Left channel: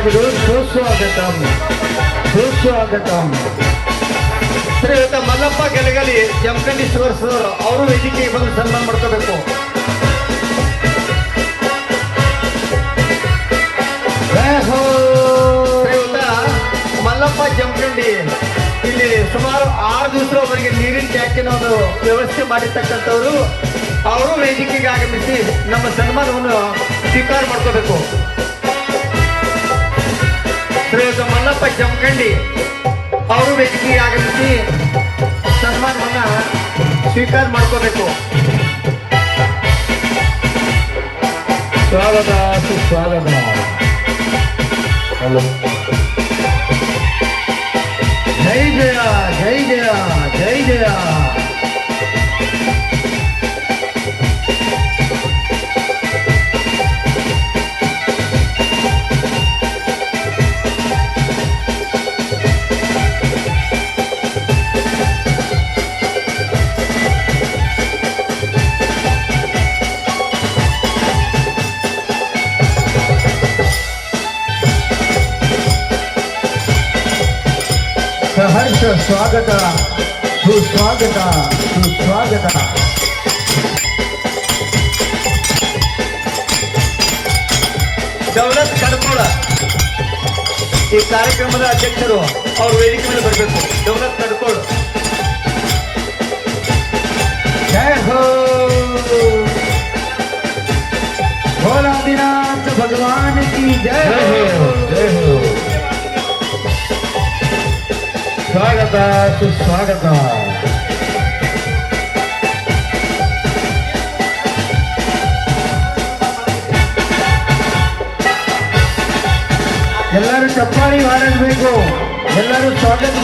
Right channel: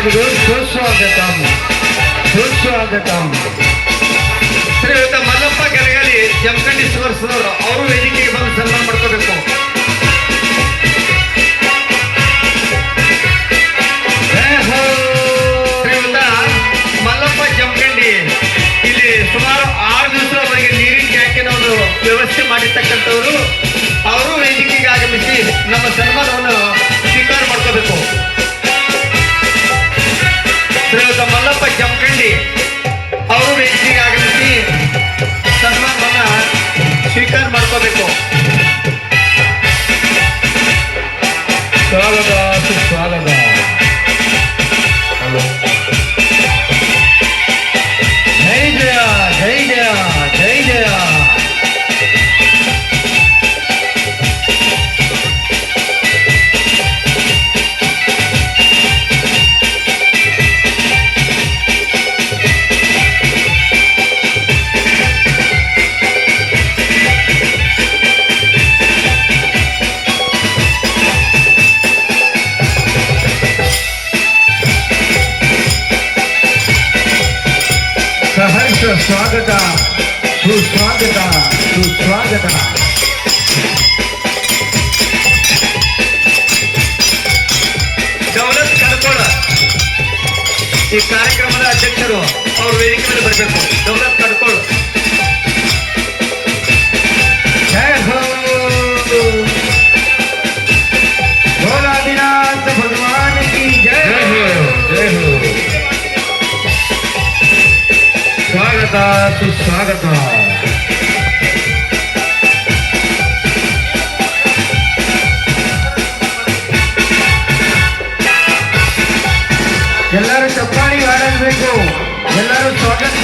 ಸುಸ್ವಾಗತಂ. ಸುಸ್ವಾಗತಂ. ಶ್ರೀಯುತ ಮಲ್ಲಪ್ಪ ಗೆಲಗಲಿ ಜಮಖಂಡಿ ಸರ್ ಅವರು ವೇದಿಕೆಗೆ ಬಂದು ಸನ್ಮಾನ ಮಾಡ್ಕೋಬೇಕು. ಶ್ರೀಯುತ ಮಲ್ಲಪ್ಪ ಜಮಖಂಡಿ ಇಲ್ಲಿ ಸುಮಾರು ಆರು ದಿವಸದವರೆಗೆ ನೀರಿನ ಟ್ಯಾಂಕಿನ ಒಂದು ವ್ಯವಸ್ಥೆ ಮಾಡಿರ್ತಕ್ಕಂಥವರು ಅವರು ವೇದಿಕೆಗೆ ಆಗಮಿಸಿ ನಮ್ಮ ಸನ್ಮಾನವನ್ನು ಸ್ವೀಕಾರ ಮಾಡ್ಕೋಬೇಕು. ಅವರು ವೇದಿಕೆಗೆ ಆಗಮಿಸಿ ಸನ್ಮಾನವನ್ನ ಸ್ವೀಕಾರ ಮಾಡ್ಕೋಬೇಕು ಸ್ವಾಗತ ಸುಸ್ವಾಗತ ಜೈ ಸಹರ್ಷ ಸ್ವಾಗತ, ಸುಸ್ವಾಗತ ಸುಸ್ವಾಗತ. ದೌಲತ್ ಕಡ್ಕೋಳ. ಈ ಕಾರ್ಯಕ್ರಮದ ಅಧ್ಯಕ್ಷರು, ಅವರು ವೇದಿಕೆ ಮೇಲೆ ಬರಬೇಕು. ದೌಲತ್ ಕಡ್ಕೋಳ. ಸ್ವಾಗತ ಸುಸ್ವಾಗತ ಎಲ್ಲರೂ ಚಪ್ಪಾಳಿ ಹಾಡಬೇಕು ಎಲ್ಲರೂ ಸ್ವಾಗತ ಮಾಡಿ